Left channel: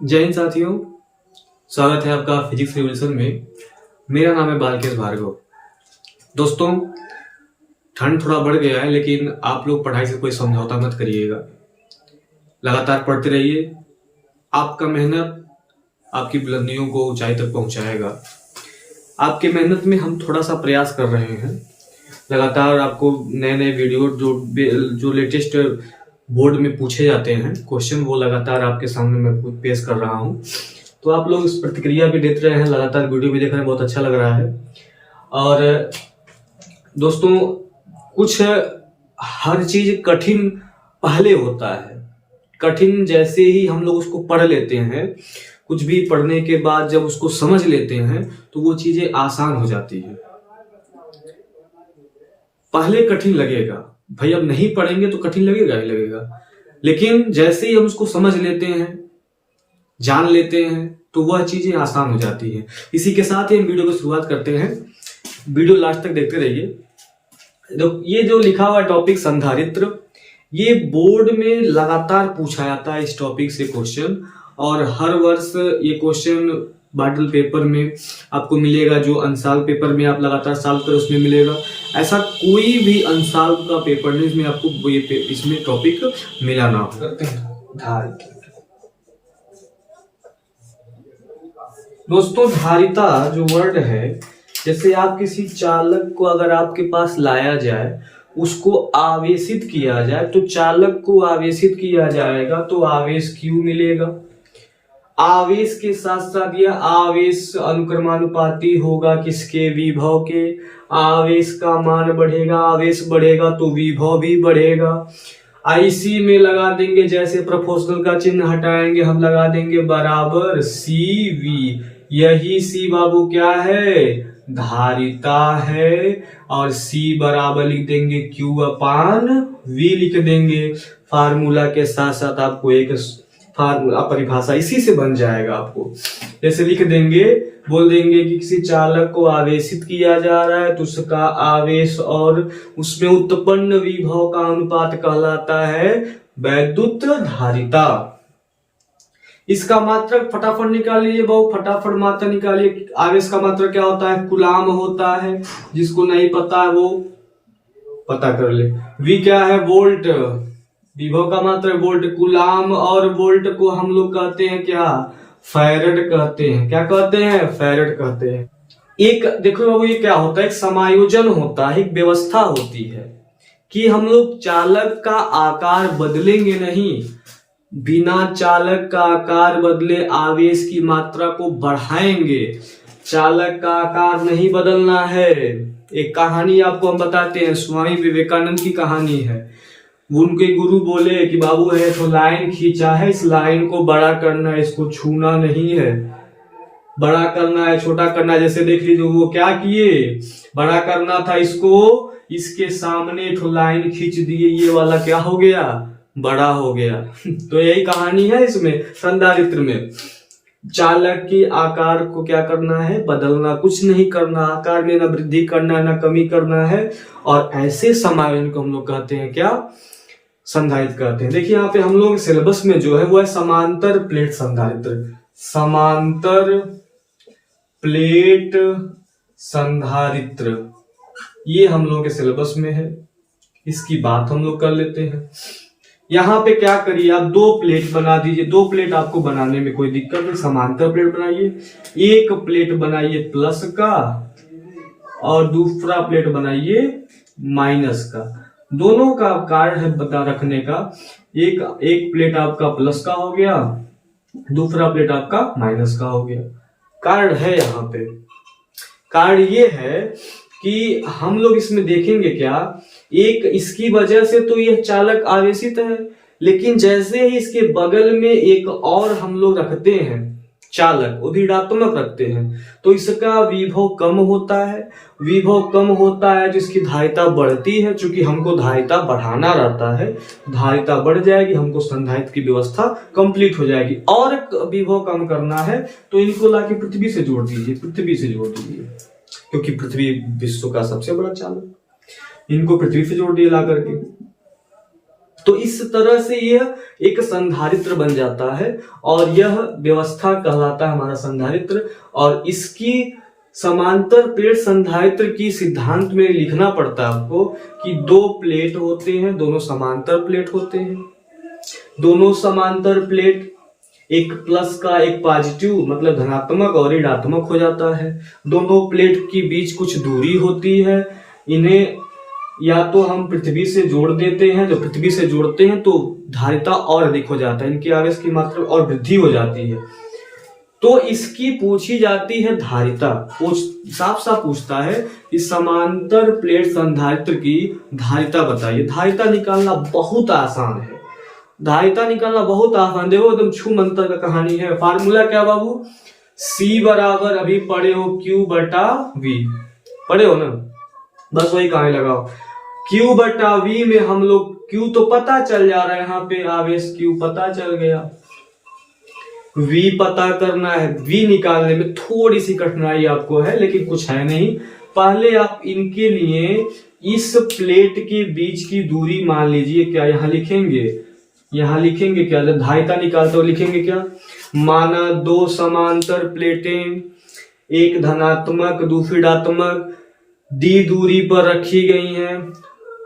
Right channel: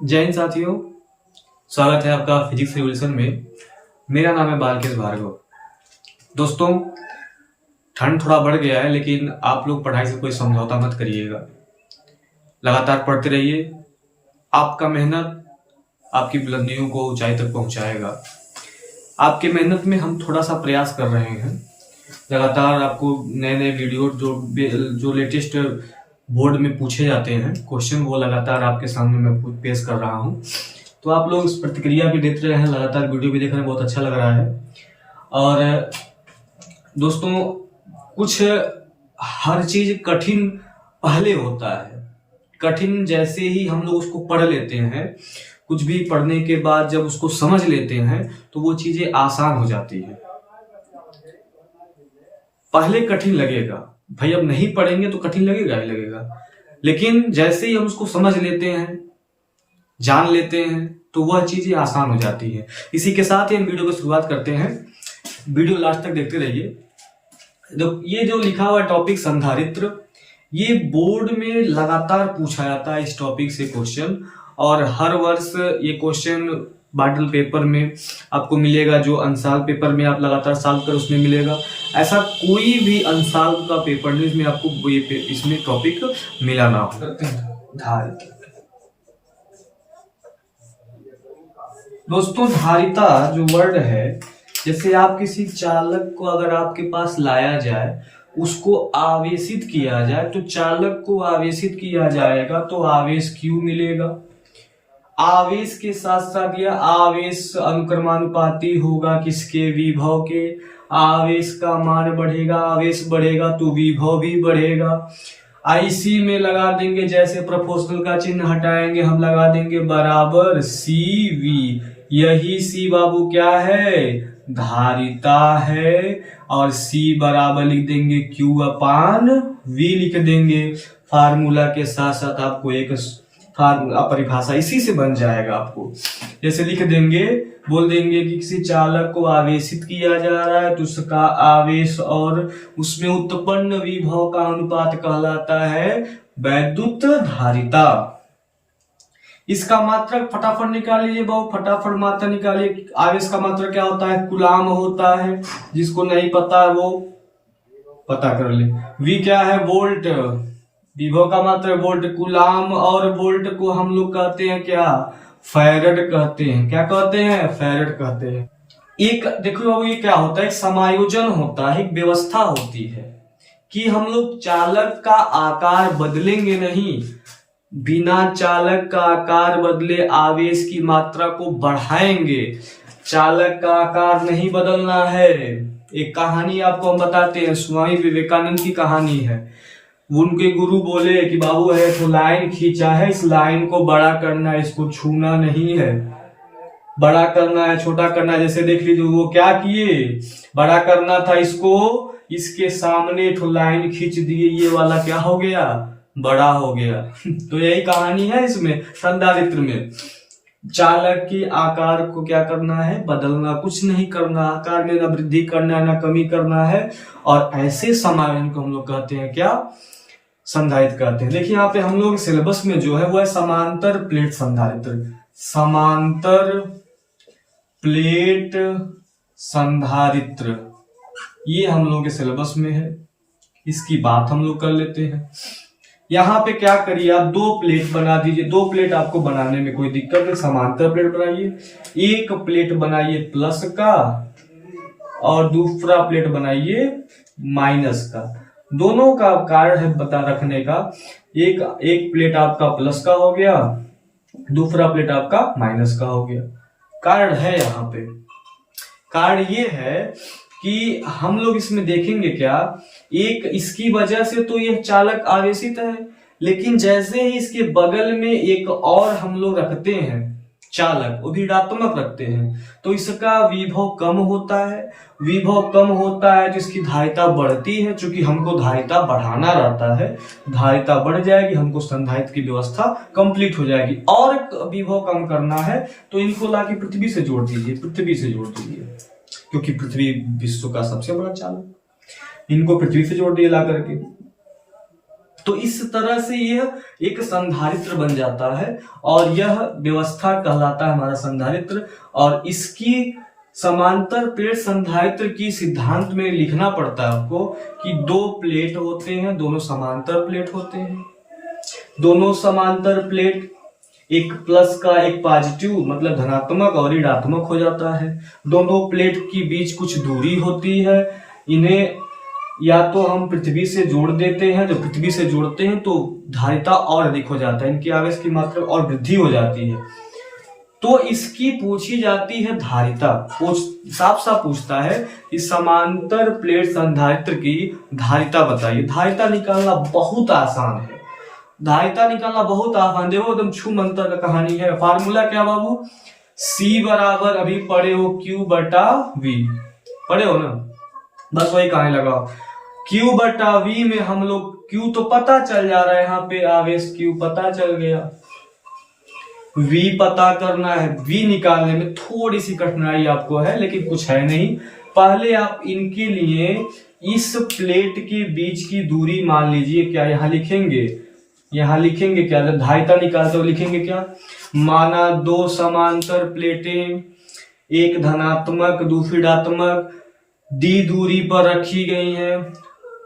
जय हिंद साथियों, स्वागत है आपका फिजिक्स रिवोल्यूशन में। मेरा नाम है बालकेश भार्गव। दोस्तों, ठंड थोड़ा बढ़ गया है, लेकिन आप लोग पढ़ाई से कोई समझौता मत करिएगा। लगातार पढ़ते रहिए। आपका मेहनत आपकी बुलंदियों को ऊंचाई तक पहुंचाएगा। आपके मेहनत में हम थोड़ा सा प्रयास कर रहे हैं। लगातार आपको नए नए वीडियो जो लेटेस्ट बोर्ड में पूछे जाते हैं क्वेश्चन, वो लगातार आपके सामने मैं पेश कर रहा हूं। तो आप लोग इस प्रतिक्रिया भी देते रहे हैं, लगातार वीडियो भी देख रहे हैं, बहुत अच्छा लग रहा है। और दोस्तों, कुछ हर चीज कठिन पहले होता है। कठिन जैसे ही हम लोग उसको पढ़ लेते हैं, कुछ भी पढ़ने के बाद जब उसको समझ लेते हैं तो वो चीजें आसान हो जाती है। पहले कठिन लगेगा भाई, अब नहीं पढ़ेंगे तो कठिन लगेगा ही लगेगा, लेकिन जैसे ही हम उसको समझ लेते हैं, जान लेते हैं, तो वह चीजें आसान हो जाती हैं। इसी के साथ ही हम वीडियो की शुरुआत करते हैं। वीडियो लास्ट तक देखते रहिए। ये जो लिखा हुआ टॉपिक संधारित्र, ये बोर्ड में लगातार पूछा जाता है इस टॉपिक से क्वेश्चन, और हर वर्ष ये क्वेश्चन मॉडल पेपर में आपको मिलेगा। जो अंशाल पेपर में आप लगातार सॉल्व कर उसमें मिलेगा। ऐसा कोई भी अंशाल का पेपर नहीं इसमें आपको इसमें टॉपिक मिला ना हो। दोस्तों, धारिता जो वर्ड है, जैसे आप किसी चालक को अगर आपके पास लाया जाए, उसको आवेशित किया जाए, तो चालक को आवेशित किया जाएगा तो आवेश Q मिलेगा। आवेश के साथ साथ यह आवेश अनुक्रमानुपाती होगा किसके? विभव के। आवेश का मान बढ़ेगा, आवेश बढ़ेगा तो विभव भी बढ़ेगा। IC में लगा देंगे, जैसे प्रोपोर्शनल का चिन्ह हटाएंगे हम लगा देंगे बराबर CV। यही C बाबू क्या है? धारिता है। और C बराबर लिख देंगे Q/V लिख देंगे। फार्मूला के साथ साथ आपको एक फार्मूला परिभाषा इसी से बन जाएगा। आपको जैसे लिख देंगे, बोल देंगे कि किसी चालक को आवेशित किया जा रहा है तो उसका आवेश और उसमें उत्पन्न विभव का अनुपात कहलाता है वैद्युत धारिता। इसका मात्रक फटाफट निकाल लीजिए बहु, फटाफट मात्रा निकालिए। आवेश का मात्रक क्या होता है? कूलाम होता है। जिसको नहीं पता है वो पता कर ले। V क्या है? वोल्ट। विभव का मात्रक वोल्ट। कूलाम और वोल्ट को हम लोग कहते हैं क्या? फैरड कहते हैं। क्या कहते हैं? फैरड कहते हैं। एक देखो बाबू, ये क्या होता है? एक समायोजन होता है, एक व्यवस्था होती है कि हम लोग चालक का आकार बदलेंगे नहीं। बिना चालक का आकार बदले आवेश की मात्रा को बढ़ाएंगे। चालक का आकार नहीं बदलना है। एक कहानी आपको हम बताते हैं, स्वामी विवेकानंद की कहानी है। उनके गुरु बोले कि बाबू है तो लाइन खींचा है, इस लाइन को बड़ा करना है, इसको छूना नहीं है। बड़ा करना है, छोटा करना है। जैसे देख लीजिए वो क्या किए, बड़ा करना था इसको, इसके सामने तो लाइन खींच दिए, ये वाला क्या हो गया? बड़ा हो गया। तो यही कहानी है इसमें संधारित्र में। चालक के आकार को क्या करना है? बदलना, कुछ नहीं करना। आकार में ना वृद्धि करना है ना कमी करना है। और ऐसे समायोजन को हम लोग कहते हैं क्या? संधारित्र कहते हैं। देखिए यहाँ पे हम लोग सिलेबस में जो है वो है समांतर प्लेट संधारित्र। समांतर प्लेट संधारित्र, ये हम लोग के सिलेबस में है। इसकी बात हम लोग कर लेते हैं। यहाँ पे क्या करिए, आप 2 प्लेट बना दीजिए। 2 प्लेट आपको बनाने में कोई दिक्कत नहीं। समांतर प्लेट बनाइए। एक प्लेट बनाइए प्लस का और दूसरा प्लेट बनाइए माइनस का। दोनों का कार्य है बता रखने का। एक प्लेट आपका प्लस का हो गया, दूसरा प्लेट आपका माइनस का हो गया। कार्य है यहाँ पे। कार्य ये है कि हम लोग इसमें देखेंगे क्या, एक इसकी वजह से तो यह चालक आवेशित है, लेकिन जैसे ही इसके बगल में एक और हम लोग रखते हैं चालक, वो भी ऋणात्मक रखते हैं, तो इसका विभव कम होता है। विभव कम होता है जिसकी धारिता बढ़ती है। चूंकि हमको धारिता बढ़ाना रहता है, धारिता बढ़ जाएगी, हमको संधारित्र की व्यवस्था कंप्लीट हो जाएगी। और विभव कम करना है तो इनको लाके पृथ्वी से जोड़ दीजिए। पृथ्वी से जोड़ दीजिए, क्योंकि पृथ्वी विश्व का सबसे बड़ा चालक। इनको पृथ्वी से जोड़ दिए ला करके। तो इस तरह से यह एक संधारित्र बन जाता है और यह व्यवस्था कहलाता है हमारा संधारित्र। और इसकी समांतर प्लेट संधारित्र की सिद्धांत में लिखना पड़ता है आपको कि दो प्लेट होते हैं, दोनों समांतर प्लेट होते हैं। दोनों समांतर प्लेट, एक प्लस का एक पॉजिटिव मतलब धनात्मक और ऋणात्मक हो जाता है। दोनों प्लेट के बीच कुछ दूरी होती है। इन्हें या तो हम पृथ्वी से जोड़ देते हैं, जब पृथ्वी से जोड़ते हैं तो धारिता और अधिक हो जाता है, इनके आवेश की मात्रा और वृद्धि हो जाती है। तो इसकी पूछी जाती है धारिता। साफ साफ पूछता है कि समांतर प्लेट संधारित्र की धारिता बताइए। धारिता निकालना बहुत आसान है, धारिता निकालना बहुत आसान। देखो एकदम छू मंतर का कहानी है। फार्मूला क्या बाबू? C बराबर अभी पढ़े हो Q बटा V, पढ़े हो ना, बस वही कहानी लगाओ। Q बटा V में हम लोग Q तो पता चल जा रहा है, यहाँ पे आवेश Q पता चल गया। V पता करना है, V निकालने में थोड़ी सी कठिनाई आपको है, लेकिन कुछ है नहीं। पहले आप इनके लिए इस प्लेट के बीच की दूरी मान लीजिए, क्या यहाँ लिखेंगे? यहाँ लिखेंगे क्या? जब धारिता निकालते हो लिखेंगे क्या? माना दो समांतर प्लेटें, एक धनात्मक दूसरी ऋणात्मक, D दूरी पर रखी गई हैं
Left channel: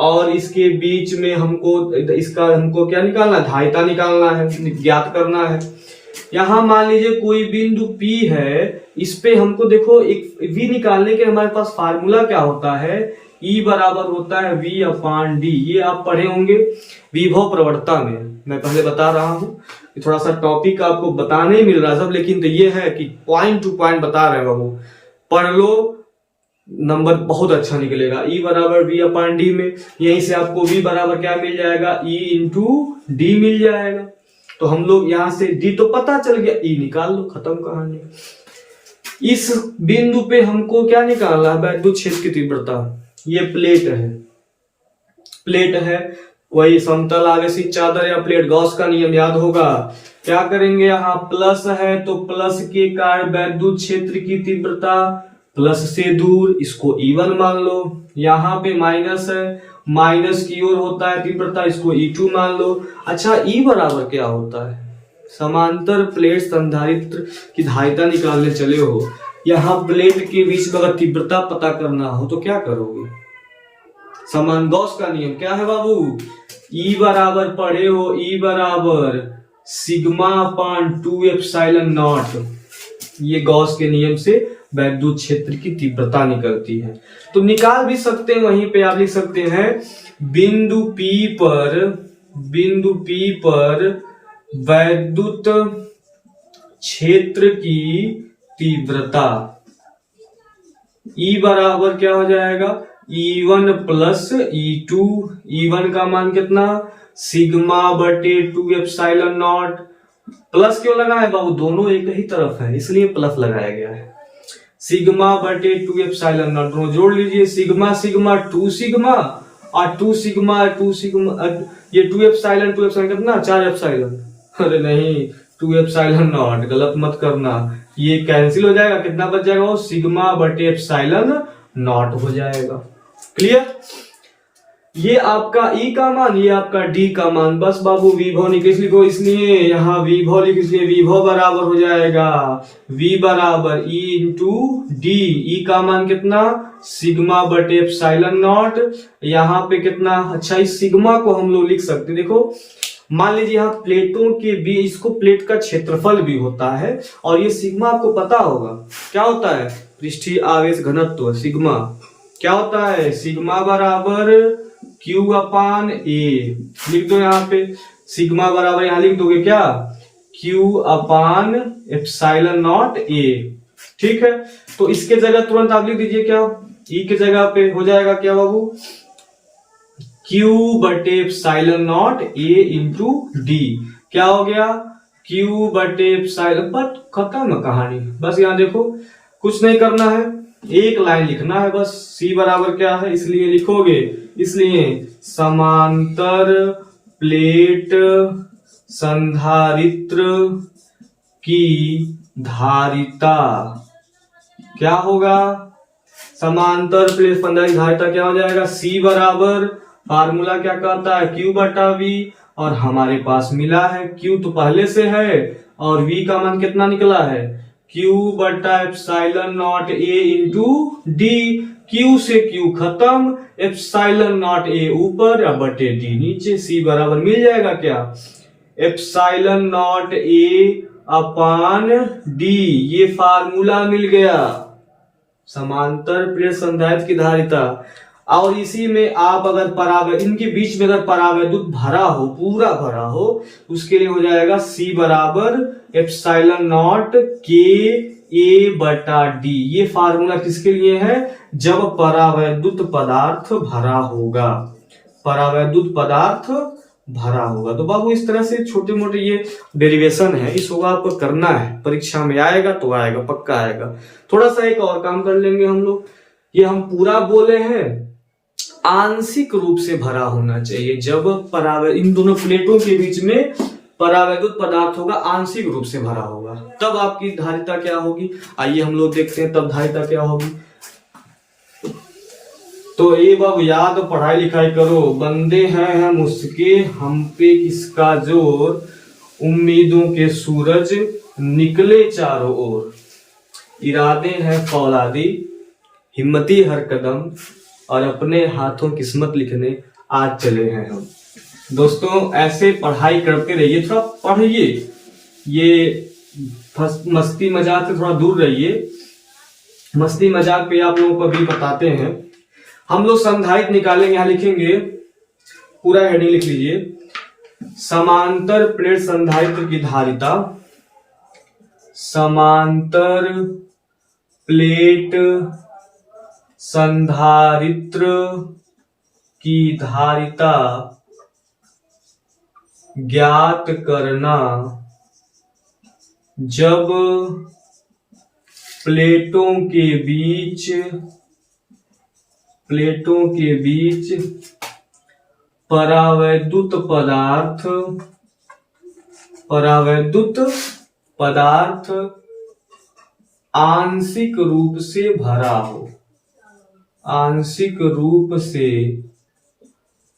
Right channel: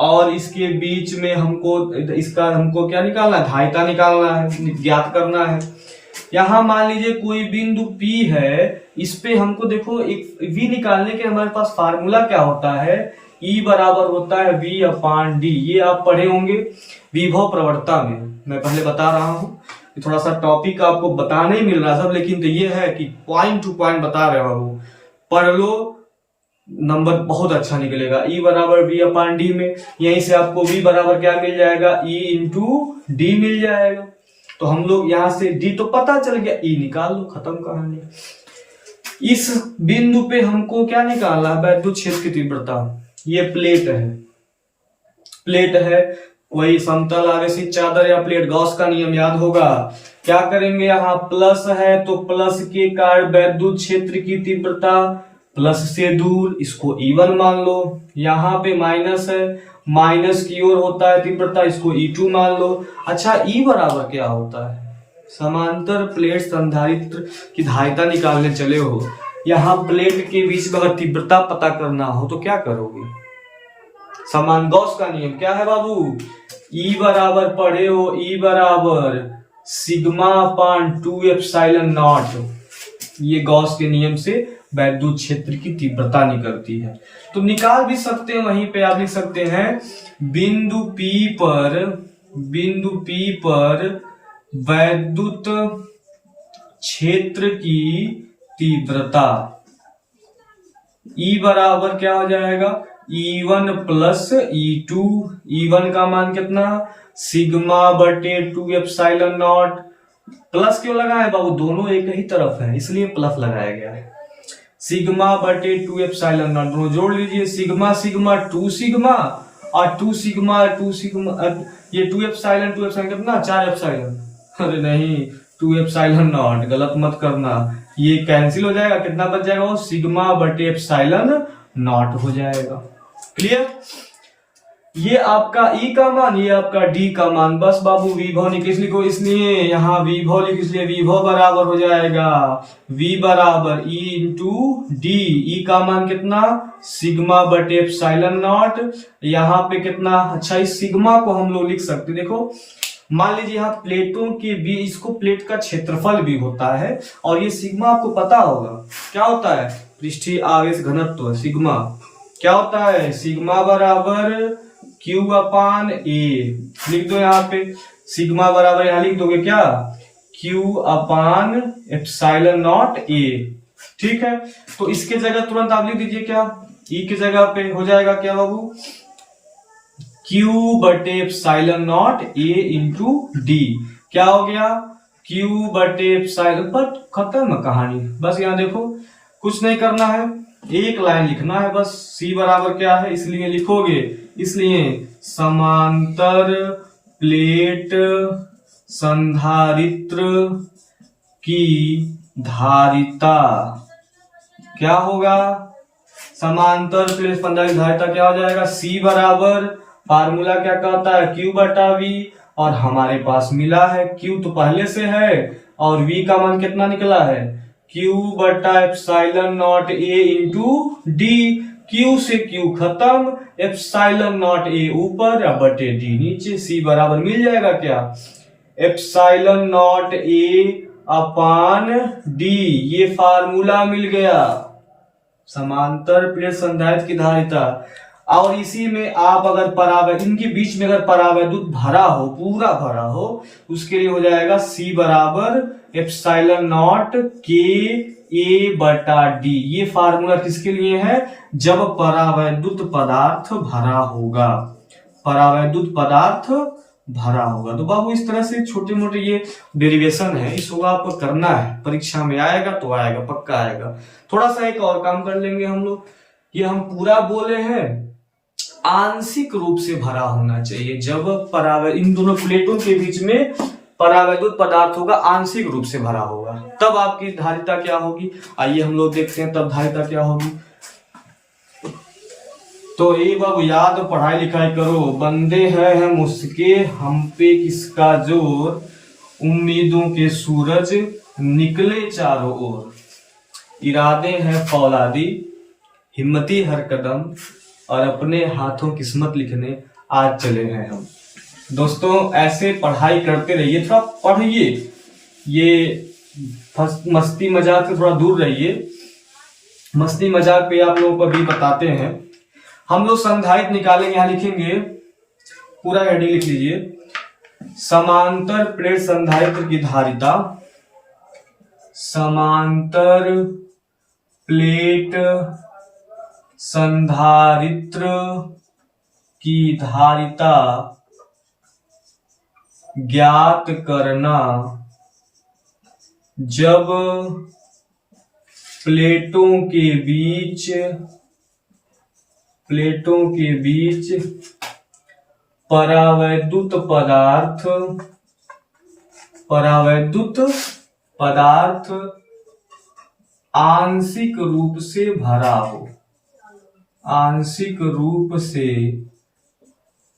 और इसके बीच में हमको क्या निकालना है? धारिता निकालना है, ज्ञात करना है। यहां मान लीजिए कोई बिंदु P है, इस पे हमको देखो एक V निकालने के हमारे पास फार्मूला क्या होता है? E बराबर होता है V अपान D। ये आप पढ़े होंगे विभव प्रवणता में, मैं पहले बता रहा हूँ। थोड़ा सा टॉपिक आपको बताने ही मिल रहा है सब, लेकिन तो ये है कि पॉइंट टू पॉइंट बता रहे हो, पढ़ लो, नंबर बहुत अच्छा निकलेगा। E बराबर V अपान D में, यहीं से आपको V बराबर क्या मिल जाएगा? E इंटू D मिल जाएगा। तो हम लोग यहां से D तो पता चल गया, E निकाल लो, खत्म कहानी। इस बिंदु पे हमको क्या निकालना है? वैद्युत क्षेत्र की तीव्रता। ये प्लेट है, वही समतल आवेशित चादर या प्लेट, गॉस का नियम याद होगा। क्या करेंगे? यहाँ प्लस है तो प्लस के कारण वैद्युत क्षेत्र की तीव्रता प्लस से दूर, इसको E1 मान लो। यहाँ पे माइनस है, माइनस की ओर होता है तीव्रता, इसको E2 मान लो। अच्छा, E बराबर क्या होता है? समांतर प्लेट संधारित्र की धारिता निकालने चले हो, यहाँ प्लेट के बीच में अगर तीव्रता पता करना हो तो क्या करोगे? समान गॉस का नियम क्या है बाबू? E बराबर पढ़े हो, E बराबर सिग्मा अपान 2 एप्सिलॉन नॉट। ये गॉस के नियम से वैद्युत क्षेत्र की तीव्रता निकलती है। तो निकाल भी सकते हैं, वहीं पे आप लिख सकते हैं बिंदु P पर वैद्युत क्षेत्र की तीव्रता E बराबर क्या हो जाएगा? E1 plus E2। E1 का मान कितना? सिग्मा बटे 2 एप्सिलॉन नॉट। प्लस क्यों लगा है बाबू? दोनों एक ही तरफ है, इसलिए प्लस लगाया गया है। सिग्मा बटे 2 एप्सिलॉन नॉट, दोनों जोड़ लीजिए। सिग्मा सिग्मा 2 सिग्मा और 2 सिग्मा ये 2 एप्सिलॉन कितना? 4 एप्सिलॉन। अरे नहीं, 2 एप्सिलॉन नॉट, गलत मत करना, ये कैंसिल हो जाएगा। कितना बच जाएगा? वो सिग्मा बटे एप्सिलॉन नॉट हो जाएगा। क्लियर? ये आपका E का मान, ये आपका D का मान। बस बाबू विभव लिखो, इसलिए यहाँ विभव लिख, इसलिए विभव बराबर हो जाएगा V बराबर E इंटू D। E का मान कितना? सिग्मा बटे एप्सिलॉन नॉट। यहाँ पे कितना? अच्छा, इस सिग्मा को हम लोग लिख सकते, देखो मान लीजिए यहाँ प्लेटों के बीच, इसको प्लेट का क्षेत्रफल भी होता है, और ये सिग्मा आपको पता होगा क्या होता है? पृष्ठीय आवेश घनत्व सिग्मा क्या होता है? सिग्मा बराबर Q अपान A। लिख दो यहाँ पे, सिग्मा बराबर यहाँ लिख दोगे क्या? Q upon epsilon not A। ठीक है, तो इसके जगह तुरंत आप लिख दीजिए क्या? E की जगह पे हो जाएगा क्या बाबू? Q बटे epsilon not A into D। क्या हो गया? Q बटे एप्सिलॉन, बट खत्म कहानी। बस यहाँ देखो, कुछ नहीं करना है, एक लाइन लिखना है बस। C बराबर क्या है, इसलिए लिखोगे, इसलिए समांतर प्लेट संधारित्र की धारिता क्या होगा? समांतर प्लेट संधारित्र धारिता क्या हो जाएगा? C बराबर फार्मूला क्या कहता है, Q बटा V, और हमारे पास मिला है Q तो पहले से है और V का मान कितना निकला है, Q बटा epsilon not A into D। Q से Q खत्म, एप्सिलॉन नॉट A ऊपर या बटे D नीचे, C बराबर मिल जाएगा क्या, epsilon not A upon D। ये फार्मूला मिल गया समांतर प्लेट संधारित्र की धारिता। और इसी में आप अगर परावैद्युत, इनके बीच में अगर परावैद्युत भरा हो, पूरा भरा हो, उसके लिए हो जाएगा C बराबर एप्सिलॉन नॉट K A बटा D। ये फार्मूला किसके लिए है, जब परावैद्युत पदार्थ भरा होगा, परावैद्युत पदार्थ भरा होगा। तो बाबू इस तरह से छोटे मोटे ये डेरिवेशन है, इसको आपको करना है, परीक्षा में आएगा तो आएगा, पक्का आएगा। थोड़ा सा एक और काम कर लेंगे हम लोग, ये हम पूरा बोले हैं आंशिक रूप से भरा होना चाहिए। जब परावैद्युत, इन दोनों प्लेटों के बीच में परावैद्युत पदार्थ होगा, आंशिक रूप से भरा होगा, तब आपकी धारिता क्या होगी, आइए हम लोग देखते हैं तब धारिता क्या होगी। तो ये बाबू याद, पढ़ाई लिखाई करो, बंदे हैं हम उसके, हम पे किसका जोर, उम्मीदों के सूरज निकले चारों ओर, इरादे हैं फौलादी, हिम्मती हर कदम, और अपने हाथों किस्मत लिखने आज चले हैं हम। दोस्तों ऐसे पढ़ाई करते रहिए, थोड़ा पढ़िए, ये मस्ती मजाक से थोड़ा दूर रहिए। मस्ती मजाक पे आप लोगों को भी बताते हैं। हम लोग संधारित्र निकालेंगे, यहां लिखेंगे, पूरा हेडिंग लिख लीजिए, समांतर प्लेट संधारित्र की धारिता, समांतर प्लेट संधारित्र की धारिता ज्ञात करना जब प्लेटों के बीच परावैद्युत पदार्थ आंशिक रूप से भरा हो, आंशिक रूप से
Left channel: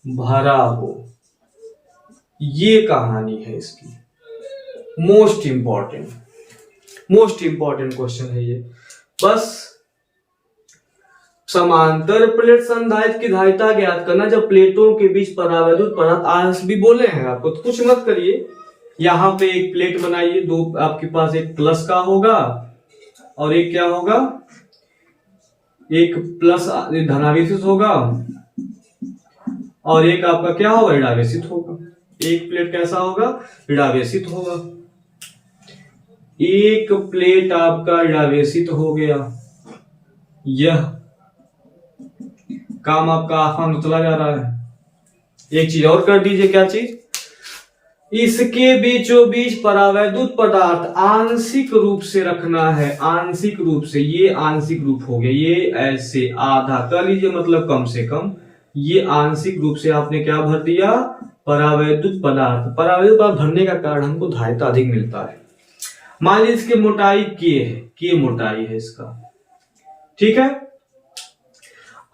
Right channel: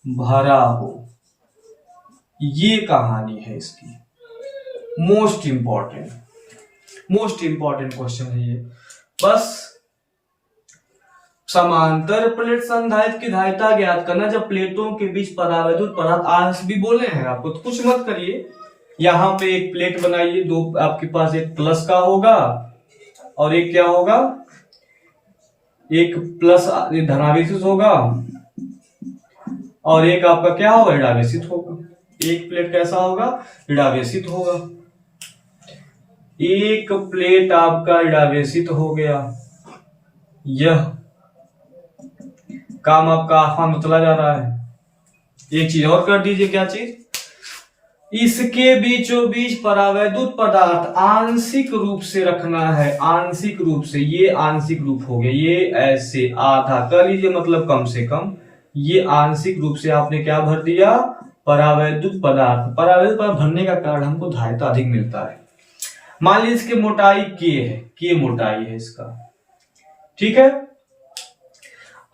भरा हो। ये कहानी है इसकी, मोस्ट इंपॉर्टेंट क्वेश्चन है ये। बस समांतर प्लेट संधारित्र की धारिता ज्ञात करना जब प्लेटों के बीच परावैद्युत पदार्थ, आंश भी बोले हैं आपको, तो कुछ मत करिए। यहां पे एक प्लेट बनाइए, दो आपके पास, एक प्लस का होगा और एक क्या होगा, एक प्लस धनावेशित होगा और एक आपका क्या होगा, ऋणावेशित होगा। एक प्लेट कैसा होगा, ऋणावेशित होगा। एक प्लेट आपका ऋणावेशित हो गया, यह काम आपका आसान तो चला जा रहा है। एक चीज और कर दीजिए, क्या चीज, इसके बीचों बीच परावैद्युत पदार्थ आंशिक रूप से रखना है, आंशिक रूप से। ये आंशिक रूप हो गया, ये ऐसे आधा कर लीजिए, मतलब कम से कम ये आंशिक रूप से आपने क्या भर दिया, परावैद्युत पदार्थ। परावैद्युत पदार्थ भरने का कारण हमको धारिता अधिक मिलता है। मान लीजिए इसकी मोटाई K है, K मोटाई है इसका, ठीक है,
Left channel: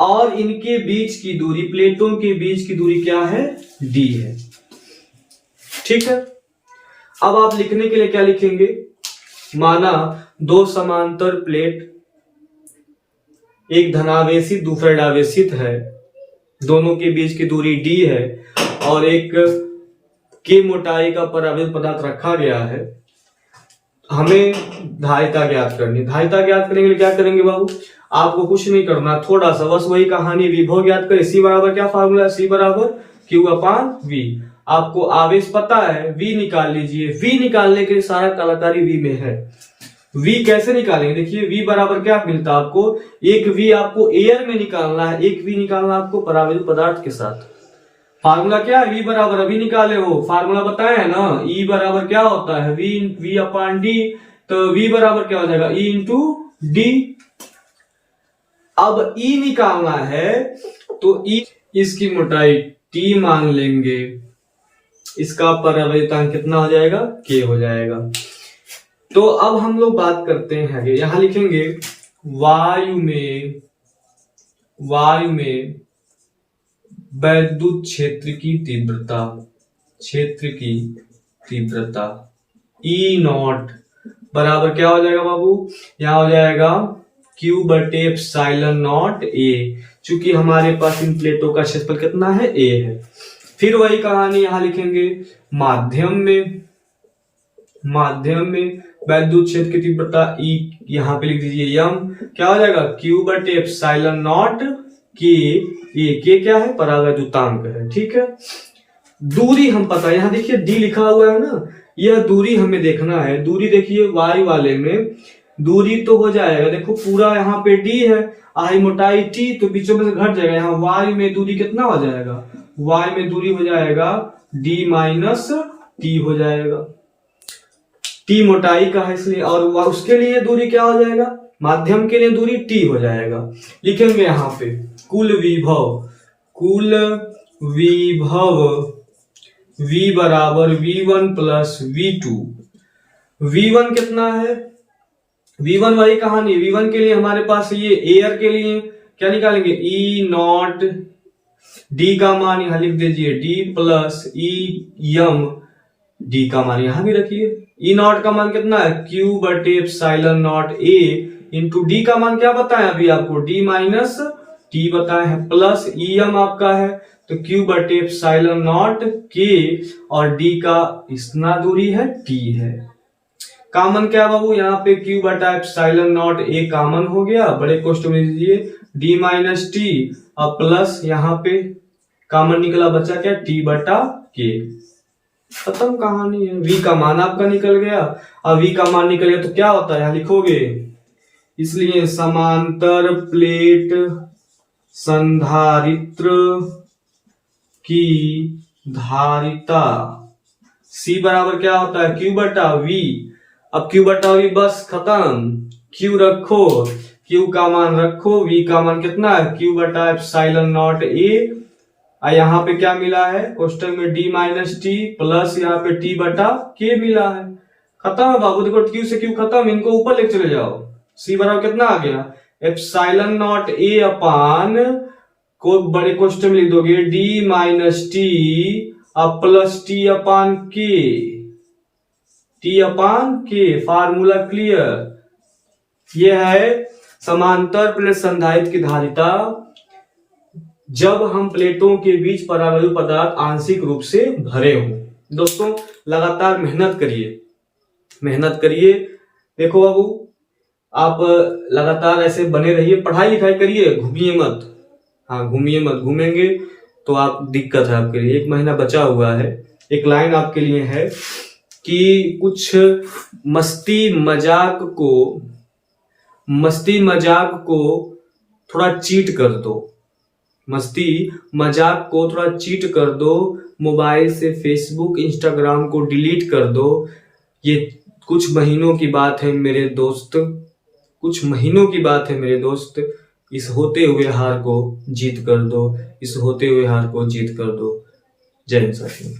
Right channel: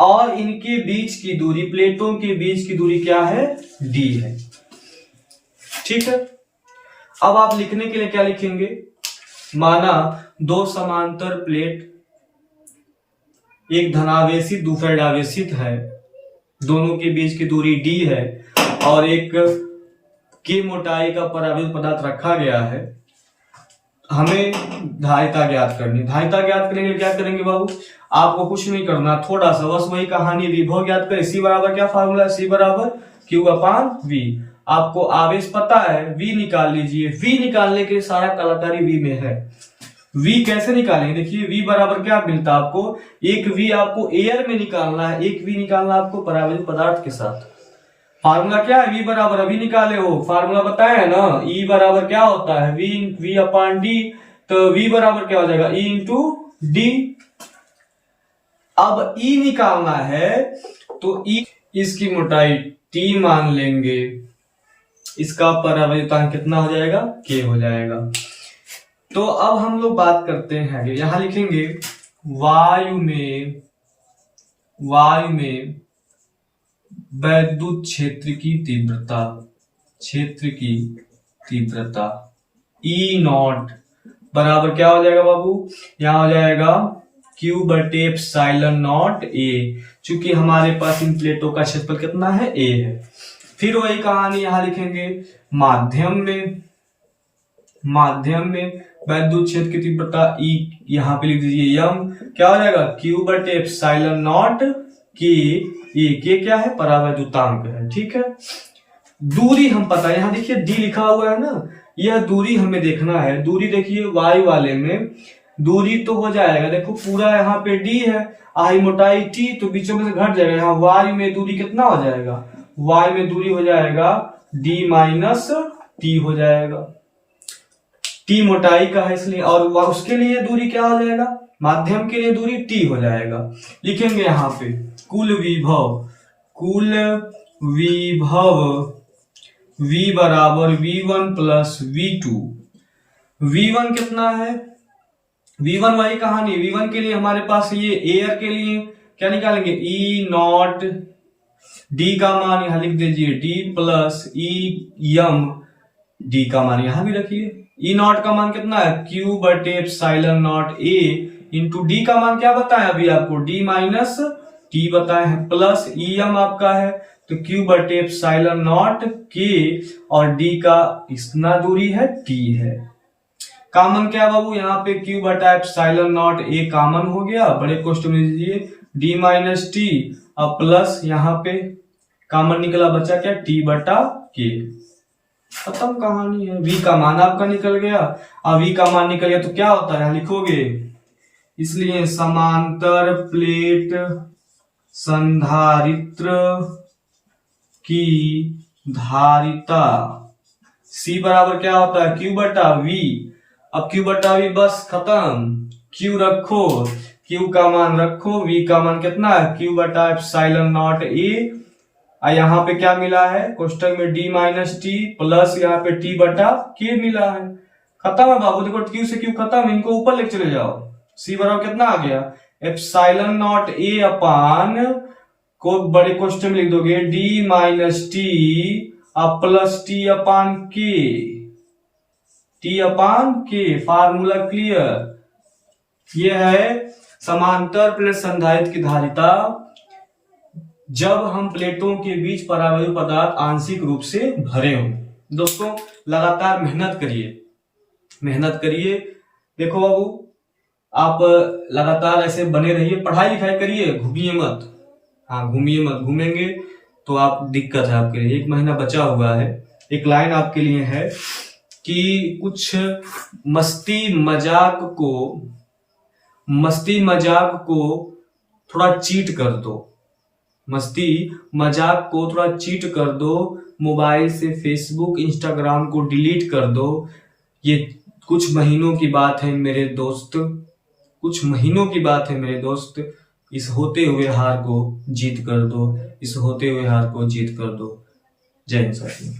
और इनके बीच की दूरी, प्लेटों के बीच की दूरी क्या है, D है, ठीक है। अब आप लिखने के लिए क्या लिखेंगे, माना दो समांतर प्लेट, एक धनावेशित दूसरा ऋणावेशित है, दोनों के बीच की दूरी D है और एक K मोटाई का परावैद्युत पदार्थ रखा गया है। हमें धारिता ज्ञात करनी। धारिता ज्ञात करने के लिए क्या करेंगे बाबू, आपको कुछ नहीं करना, थोड़ा सा बस वही कहानी, विभव ज्ञात करें। C बराबर क्या फार्मूला, C बराबर Q अपान V। आपको आवेश पता है, V निकाल लीजिए। V निकालने के लिए सारा कलाकारी V में है। V कैसे निकालेंगे, देखिए V बराबर क्या मिलता है आपको, एक V आपको एयर में निकालना है, एक V निकालना आपको परावैद्युत पदार्थ के साथ। फार्मूला क्या है, V बराबर, अभी निकाले हो, फार्मूला बताया है ना, E बराबर क्या होता है, V अपान D। तो V बराबर क्या हो जाएगा, E इंटू D। अब E निकालना है तो E, इसकी मोटाई T मान लेंगे, इसका परावैद्युतांक कितना हो जाएगा, K हो जाएगा। तो अब हम लोग बात करते हैं, यहां लिखेंगे वायु में वैद्युत क्षेत्र की तीव्रता, क्षेत्र की तीव्रता ई नॉट बराबर क्या हो जाएगा बाबू, यहां हो जाएगा क्यू बटे एप्सिलॉन नॉट ए, चूंकि हमारे पास इन प्लेटों का क्षेत्रफल कितना है, ए है। फिर वही कहानी यहां लिखेंगे, माध्यम में वैद्युत क्षेत्र की तीव्रता ई, यहां पे लिख दीजिए यम, क्या हो जाएगा क्यू बटे एप्सिलॉन नॉट के, ए के क्या है, परावैद्युतांक है, ठीक है। दूरी हम पता है, यहां देखिए डी लिखा हुआ है ना, यह दूरी हमें देखना है। दूरी देखिए वाई वाले में दूरी तो हो जाएगा, देखो पूरा यहाँ पे डी है, आई मोटाई टी, तो बीचों में से घट जाएगा, यहाँ वाई में दूरी कितना हो जाएगा, वाई में दूरी हो जाएगा डी माइनस टी हो जाएगा, टी मोटाई का है इसलिए, और उसके लिए दूरी क्या हो जाएगा, माध्यम के लिए दूरी टी हो जाएगा। लिखेंगे यहाँ पे कुल विभव V बराबर V1 प्लस V2। V1 कितना है, V1 वही कहानी, V1 के लिए हमारे पास ये एयर के लिए क्या निकालेंगे, E नॉट, D का मान यहां लिख दीजिए D प्लस E यम, D का मान यहां भी रखिए, E नॉट का मान कितना है Q बटे epsilon not A into D का मान क्या बताया अभी आपको, D माइनस T बताया है, प्लस E यम आपका है तो Q बटे एप्सिलॉन नॉट के, और D का इतना दूरी है T है। कॉमन क्या बाबू, यहाँ पे Q बटा एप्सिलॉन नॉट A कॉमन हो गया, बड़े क्वेश्चन में दीजिए D माइनस टी, और प्लस यहाँ पे कॉमन निकला बचा क्या T बटा K, खत्म कहानी है। V का मान आपका निकल गया, अब V का मान निकल गया तो क्या होता है यहाँ लिखोगे, इसलिए समांतर प्लेट संधारित्र की धारिता C बराबर क्या होता है Q बटा V, अब Q बटा V बस खत्म, Q रखो, Q का मान रखो, V का मान कितना है Q बटा एप्सिलॉन नॉट A, यहाँ पे क्या मिला है कोष्टक में D माइनस टी प्लस यहाँ पे T बटा K मिला है, खत्म है बाबू। देखो Q से Q खत्म, इनको ऊपर लेके चले जाओ, C बराबर कितना आ गया एप्सिलॉन नॉट A अपान को बड़े क्वेश्चन में लिख दोगे D माइनस टी अब प्लस T अपान K, T अपान K, फार्मूला क्लियर। यह है समांतर प्लेट संधारित्र की धारिता जब हम प्लेटों के बीच परावैद्युत पदार्थ आंशिक रूप से भरे हों। दोस्तों लगातार मेहनत करिए। देखो बाबू आप लगातार ऐसे बने रहिए, पढ़ाई लिखाई करिए, घूमिए मत, हाँ घूमिए मत, घूमेंगे तो आप दिक्कत है आपके लिए। 1 महीना बचा हुआ है, एक लाइन आपके लिए है कि कुछ मस्ती मजाक को थोड़ा चीट कर दो, मोबाइल से फेसबुक इंस्टाग्राम को डिलीट कर दो। ये कुछ महीनों की बात है मेरे दोस्त, इस होते हुए हार को जीत कर दो, जय हिंद साथियों।